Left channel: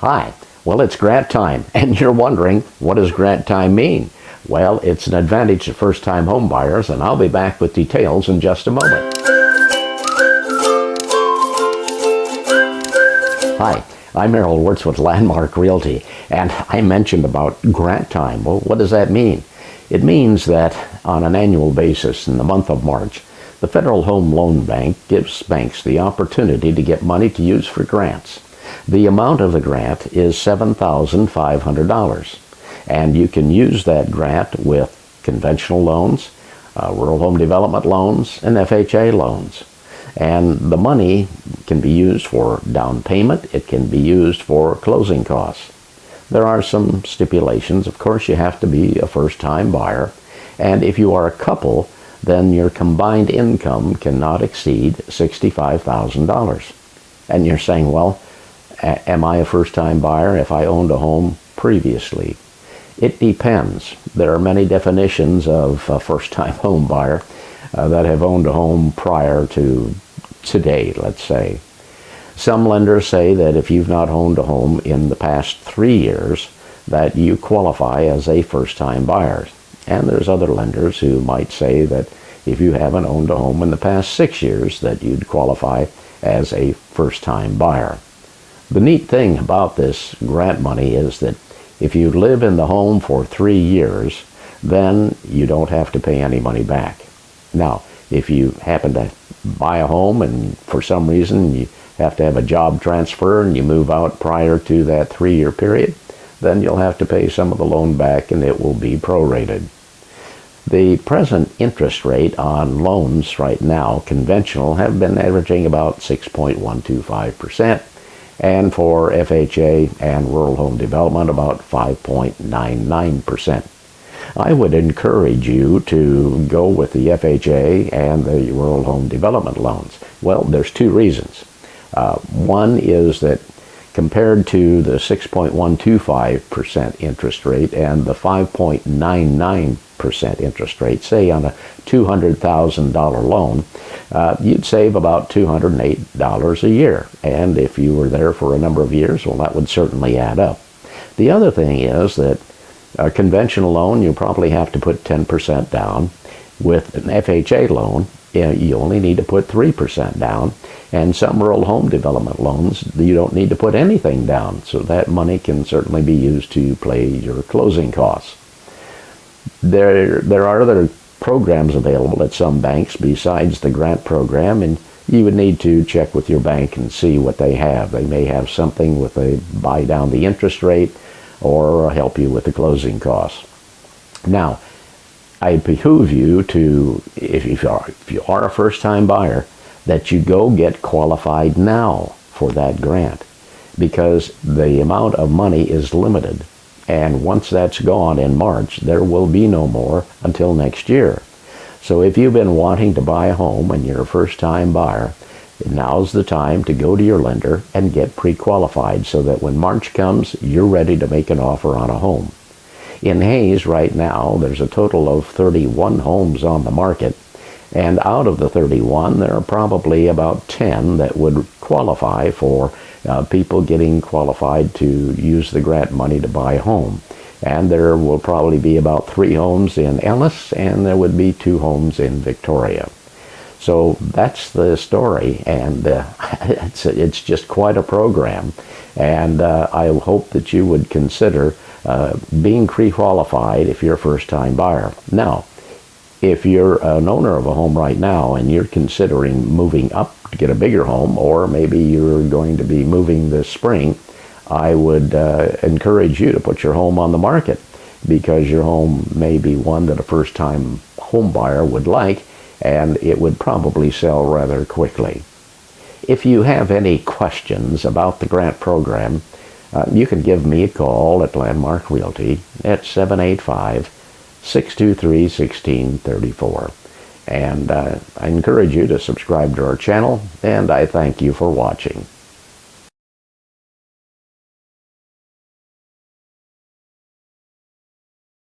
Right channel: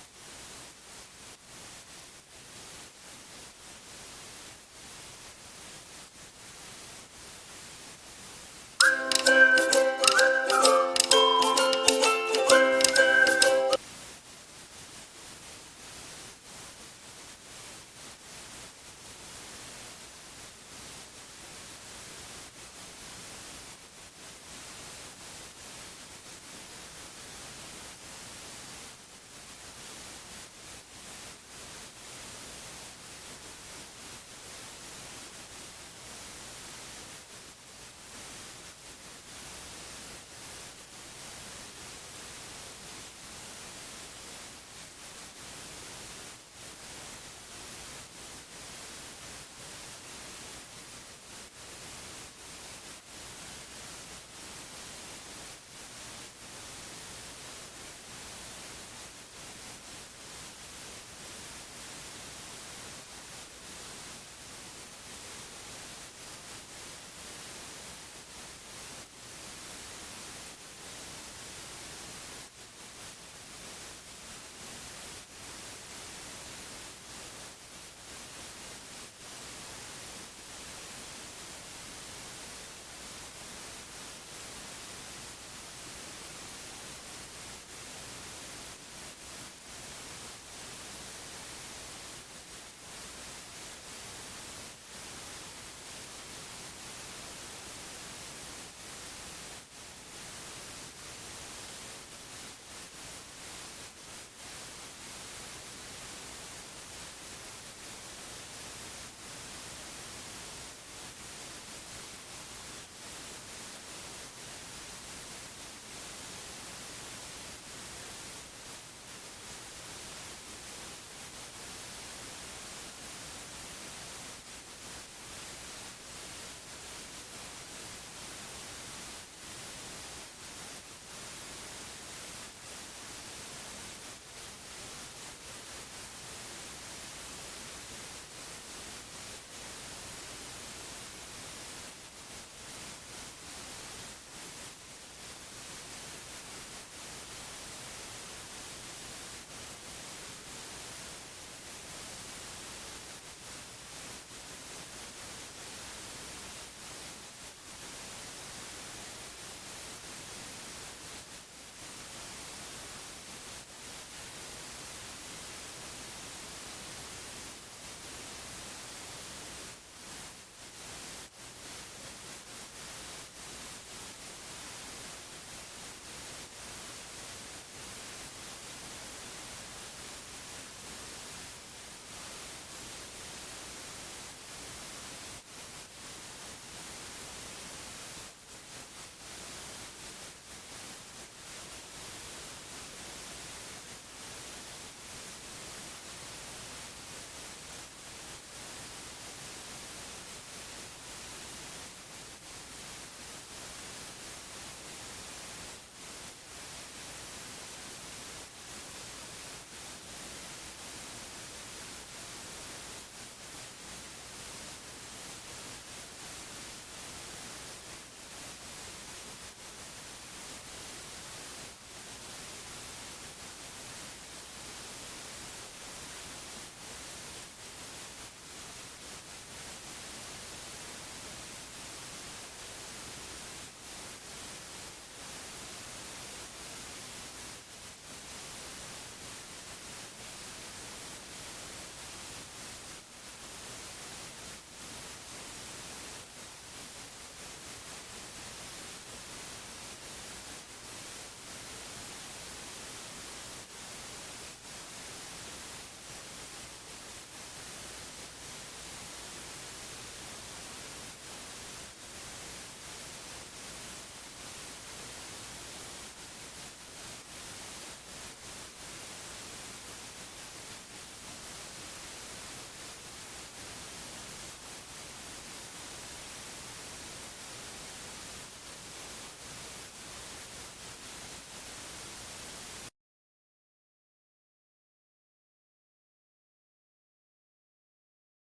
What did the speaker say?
Hi. Well, it's grant time, and you're wondering, what does grant time mean? Well, it's an advantage to first-time home buyers, and I'll be back with details in just a moment. Hi, I'm Errol Wirtz with Landmark Realty, and I mentioned about grant time. Well, what does that mean? It means that on an annual basis in the month of March, the Federal Home Loan Bank gives banks the opportunity to get money to use for grants. The amount of the grant is $7,500, and you can use that grant with conventional loans, rural home development loans, and FHA loans. And the money can be used for down payment. It can be used for closing costs. There are some stipulations. Of course, you have to be a first-time buyer, and if you are a couple, then your combined income cannot exceed $65,000. And you're saying, well, am I a first-time buyer if I owned a home previously? It depends. There are many definitions of a first-time home buyer that have owned a home prior to today, let's say. Some lenders say that if you've not owned a home in the past 3 years, that you qualify as a first-time buyer. And there's other lenders who might say that if you haven't owned a home in the past 6 years, that you'd qualify as a first-time buyer. The neat thing about this grant money is that if you live in the home for 3 years, then you don't have to pay any money back. Now, if you happen to buy a home and for some reason you have to have a job transfer and you move out prior to that 3-year period, then you'll have to pay some of the loan back and it will be prorated. The present interest rate on loans right now, conventional, have been averaging about 6.125%, and for FHA and rural home development about 5.99%. I would encourage you to go with the FHA and the rural home development loans. Well, there's two reasons. One is that compared to the 6.125% interest rate and the 5.99% interest rate, say on a $200,000 loan, you'd save about $208 a year. And if you were there for a number of years, well, that would certainly add up. The other thing is that a conventional loan, you probably have to put 10% down. With an FHA loan, you only need to put 3% down. And some rural home development loans, you don't need to put anything down. So that money can certainly be used to pay your closing costs. There are other programs available at some banks besides the grant program, and you would need to check with your bank and see what they have. They may have something with a buy down the interest rate or help you with the closing costs. Now, I behoove you to, if you are a first-time buyer, that you go get qualified now for that grant, because the amount of money is limited. And once that's gone in March, there will be no more until next year. So if you've been wanting to buy a home and you're a first-time buyer, now's the time to go to your lender and get pre-qualified so that when March comes, you're ready to make an offer on a home. In Hays right now, there's a total of 31 homes on the market, and out of the 31, there are probably about 10 that would qualify for people getting qualified to use the grant money to buy a home. And there will probably be about 3 homes in Ellis, and there would be 2 homes in Victoria. So that's the story, and it's just quite a program. And I hope that you would consider being pre-qualified if you're a first-time buyer. Now, if you're an owner of a home right now and you're considering moving up to get a bigger home, or maybe you're going to be moving this spring, I would encourage you to put your home on the market, because your home may be one that a first-time home buyer would like, and it would probably sell rather quickly. If you have any questions about the grant program, you can give me a call at Landmark Realty at 785-623-1634. And I encourage you to subscribe to our channel, and I thank you for watching.